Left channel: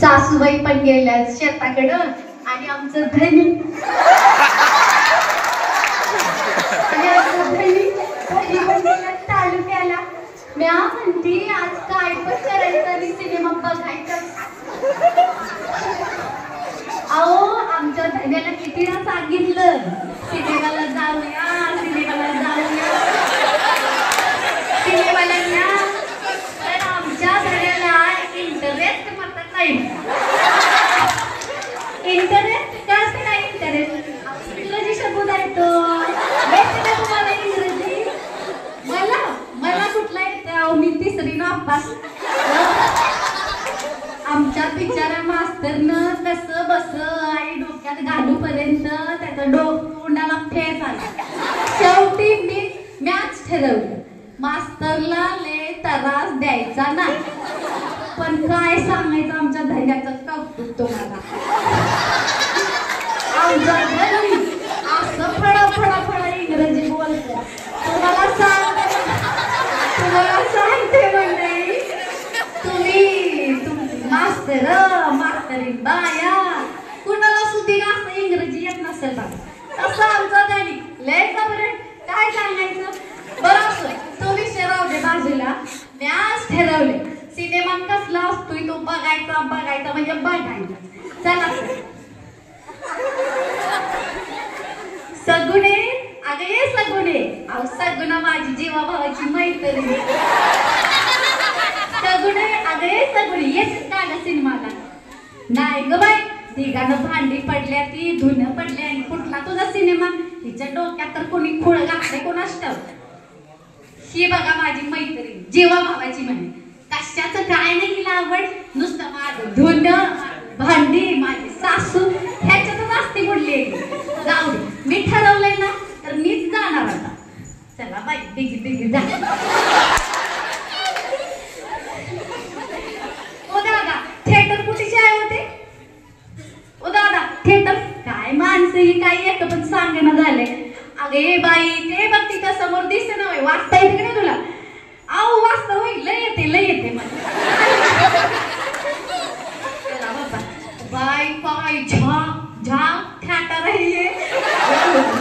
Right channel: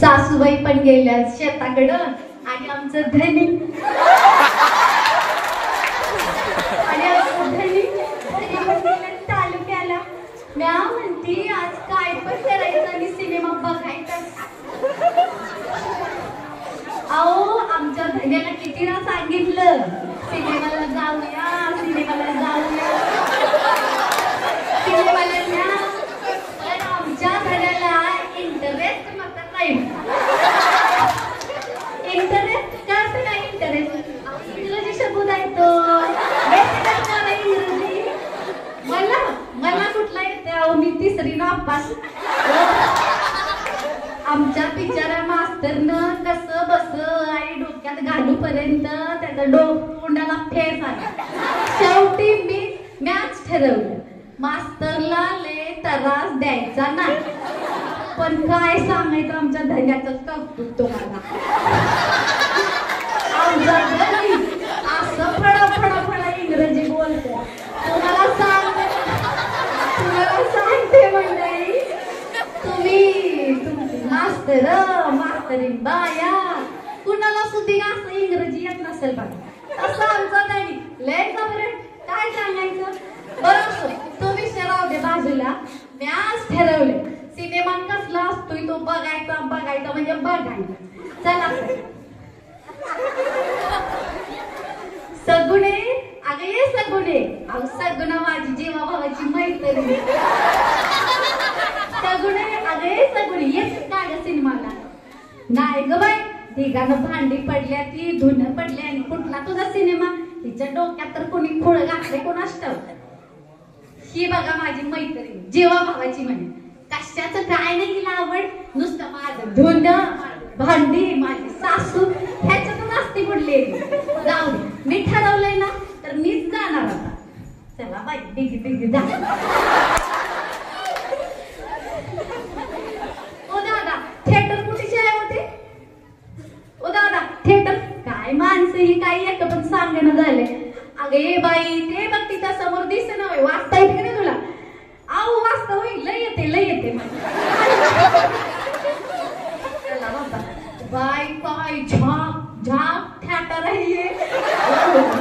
सासूबाई पण गेल्या शेताकडं आणि आमचं धनी पण गेला तालुक्याला. म्या म्हणती आज काय पण करायचं आणि सिनेमा बघायचा. अहो आमच्या धन्याला कितीदा सांगितलं सिनेमाला जाऊया सिनेमाला जाऊया सिनेमाला न्या, तर आमच्या धन्याला इंटरेस्ट मात्र नाही. इंटरेस्ट जास्त काय इंटरेस्ट इंग्रजी शब्द आहे तो तुम्हाला इंग्रजी. मला कुठला येते मी तिसरी नापास. आमच्या बिचाऱ्या मास्तरनं कसं बस आई डोक्यात घालूपर्यंत त्याचं तोंडाला फेस आला. शेवटी मॅच ठरवलं मास्तरला लय त्रास द्यायचा नाही. पण काय सांगायचं आमच्या धैर्याचं कौतुक तुम्हाला. असं फळा इंग्रजी बोलतो. तुम्हाला सांगते मंडळी तुम्ही मास्तरीन बाया कुणाला सुद्धा असं इंग्रजी येत नसेल बघा. तसं आमचा धनी लय खबर काय सांगायचं. बरं तो विषय राहू दे बाजूला. मॅच ठरवले सिनेमा कसला असतोय तो बघायचा म्हणजे बघायचा. चला सगुणे अगं ये सगुणे. अहो सगुण माझी जीवा भावाची मैत्रीण. सगुणे अगं ये सगुणे येत का ग सिनेमाला. नाही ग बाई तिघानं भांडी पडल्या ती धुणं पडले आणि कुठला तुझा सिनेमा. तिच्या डोक्यात तर कोणी खोळ घातले कोणाच ठाऊक. ही बघा माझी मैत्रीण जीवा भावाची म्हणे. कशाचं काय नाही तिला आवड नुसतं माझं धुणं भांडी माझी सासू ह्याच्यातच असते कुठली. जाऊ दे मी ठरवलंय ना तर मीच जाणार आता. चला बाई बिगी जा. ओ दादा थिएटर कुठेचे आहे होते. ओ दादा थिएटर काय माणसं ही काही एक पण सांगणं झालंय. अगे बाई ते बघ तिच्या समोर दिसते ना वाचता येते की नाही तुला. अहो वाचता होईल लय येते मला. चला बाबा बाय काय झाक थिएटर आहे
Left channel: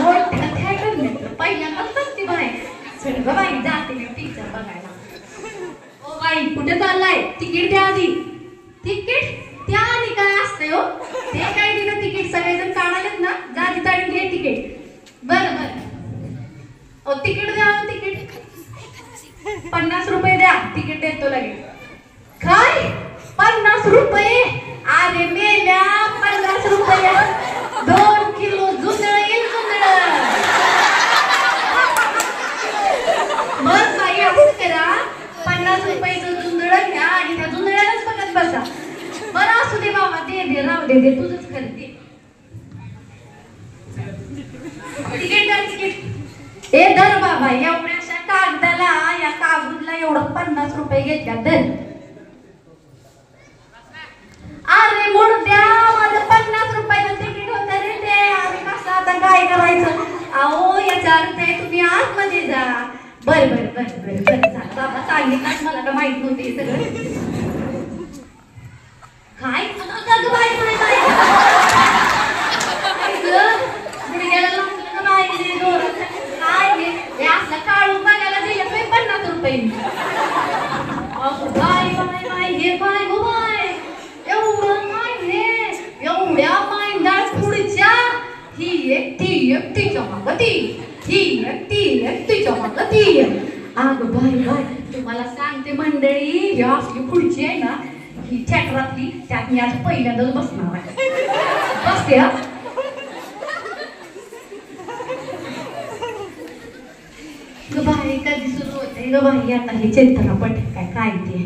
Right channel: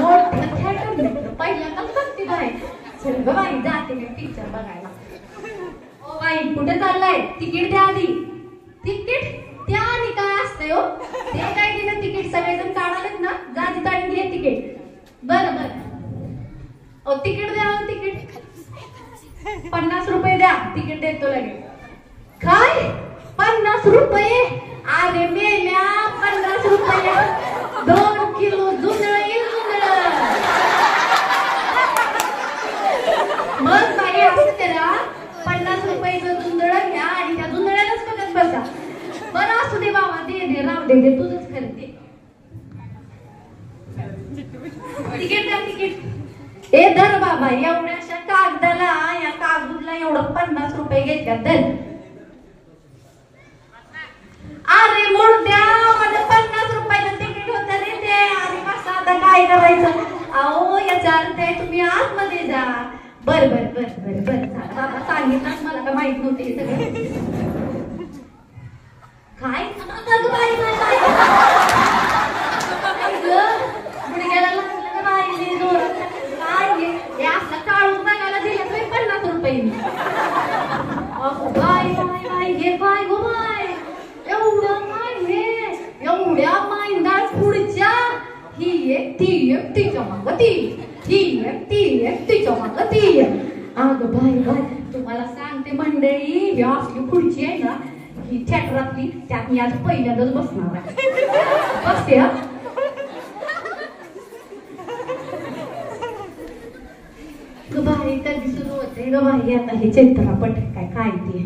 मोठं थिएटर नाही पहिल्यांदा सांगते बाई. चल ग बाई जाते मी पिक्चर बघायला. ओ बाई कुठे चाललाय. तिकीट द्या आधी. तिकीट त्या आधी काय असतंय हो. ते काय दिलं तिकीट सगळेजण काढालेत ना. जा तिथं आणि दे तिकीट. बरं ओ तिकीट द्या तिकीट 50 रुपये द्या. तिकीट देतो लगेच. काय 50 रुपये. अरे मेल्या 50 रुपये 2 किलो जुंधळ येईल जुंधळ. मग बाई असं करा 50 रुपयाचं जुंधळ घ्या आणि त्या जुंधळ्यालाच बघत बसा. बरं असू दे बाबा दे राहू दे तुझंच करते. तिकीट द्या तिकीट. ए धर बाबा एवढ्याशा कागदाला या कागदला एवढं 50 रुपये घेतल्या धर. अरे मुर्द्या माझं 50 रुपयाचं तिकीट होतं रे ते. आणि कसं आता काय करायचं. अहो याचा अर्थ आहे तुम्ही आतमध्ये जा. बर बाबा सांगितलं मला का माहित नव्हते सगळं. काय काढून बघायला दिलं 50 रुपये. एवढ्या मायंदाळ पुढच्या ही एक ती एक तिच्या मागं ती ही एक तिच्या मागं ती. अगं बाई तुम्हाला सांगते मंडळी ही असली पुढची आहे ना ही थिएटरातली त्यात मी आज पहिल्यांदाच बसणार आहे. बसते हा. बाई कधी सुरू होते ग बाई आता हे चित्रपट काय ते.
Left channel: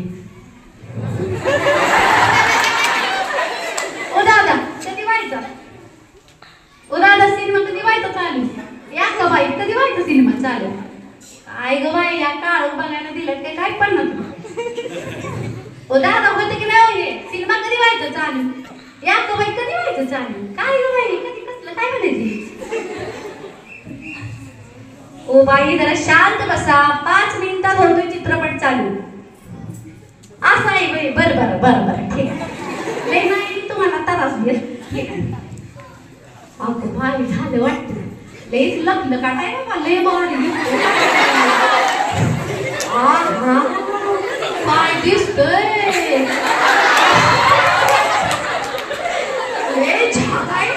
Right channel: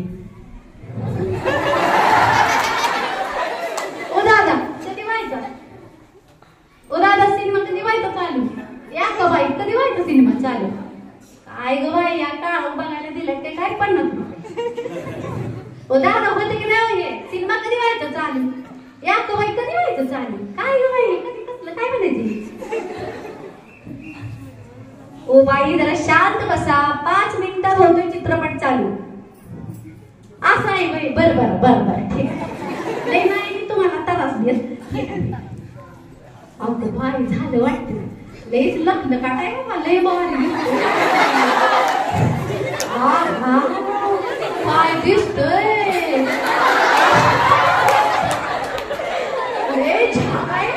ओ दादा कधी व्हायचा. ओ दादा सिनेमा कधी व्हायचा चालू. या ग बाई कधी व्हायचा सिनेमा चालू. काय ग बाई या काळ बघायला दिलं ते काय 50 रुपये. ओ दादा होते की नाही हे सिनेमा कधी व्हायचा चालू. या ग बाई कधी व्हायचं चालू. काय ग बाई कधी कसलं काय म्हणायची. ओ बाई जरा शांत बसा 5 मिनिटात होतोय चित्रपट चालू. असं आहे बाई. बरं ठीक आहे. ठीक आहे. अगं भारी झालं वाटतं. लयच लग्न का काय बाबा, लय भारी. आहा, काय दिसतंय. लय छान आहे.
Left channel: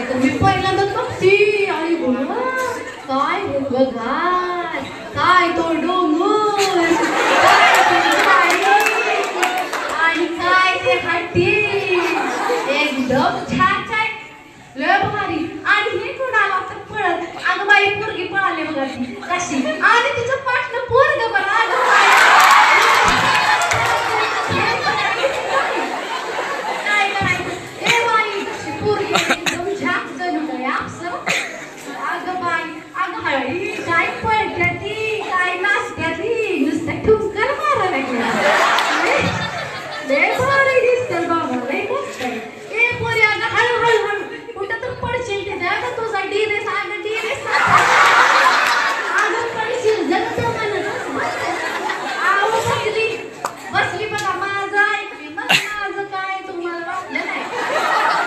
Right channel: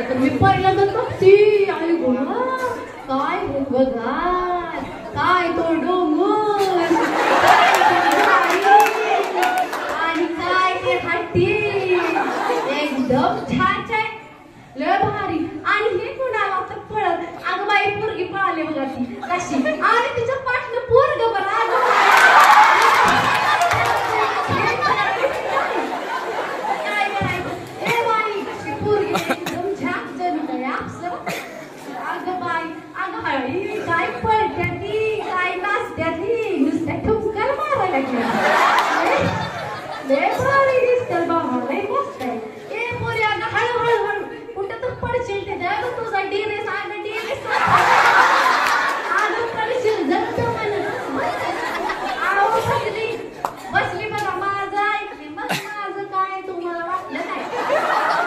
आता मी पहिल्यांदा बघते. आई गो, काय बघा, काय तो डोंगर, आणि काय ते हाती, एकदम छान छान, लय भारी. आणि हे कुणाला तर पळत, अगं बाई पोरगी पळाली बघा ती कशी, आणि तिचं पाठलं पोरगं बघा. अगं काय करायचं, ए बाई कशी पोरगी एकदम छान जणू काय आपसं. अगं बाई, अगं हळी काय पळत्या ती, काय नाचत्या ती, नुसतं ठुमकर मारा लागल्या. लय भारी दिसते बाबा, लय मस्त आहे. ए पोरी अगं हळू हळू हळू, कुठं तर पडशील ते द्या गं तुझा डिरेस. अगं डिरेस अगं पडशील जगतो म्हणत. अहो सगळी बसली बघा, माझं ऐकली मग माझं काय तुम्हाला वाटलं नाही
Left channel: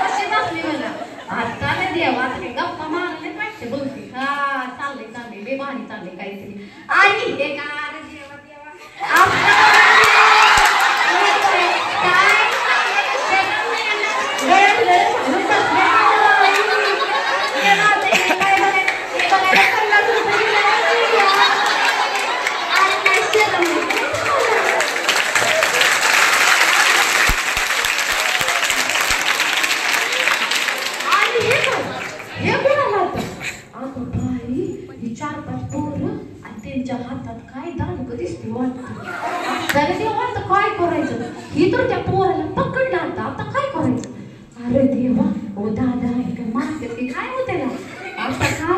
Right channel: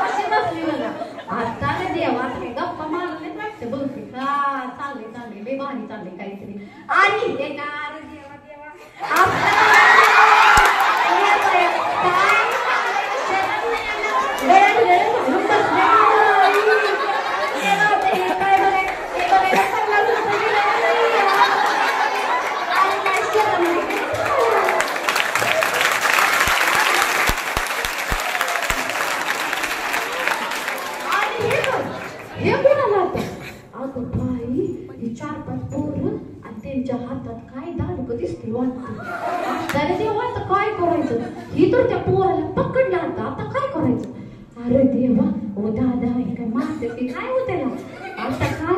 कशी बसली बघा. आता ना देवात हे गप्पा मारले वाटतं बहुतेक. हा चालले चालले, लय भारी चालले काहीतरी. आणि हे गार देवा देवा त्यांच्या हातात काय दांडकं दिसते वाटतं. तर देवा आता काय करायचं, ही तर त्या पोराला पकडलं आता काय करायचं. अरे देवा, ओ दादा हे काय मारते ते काय होते ना, आता काय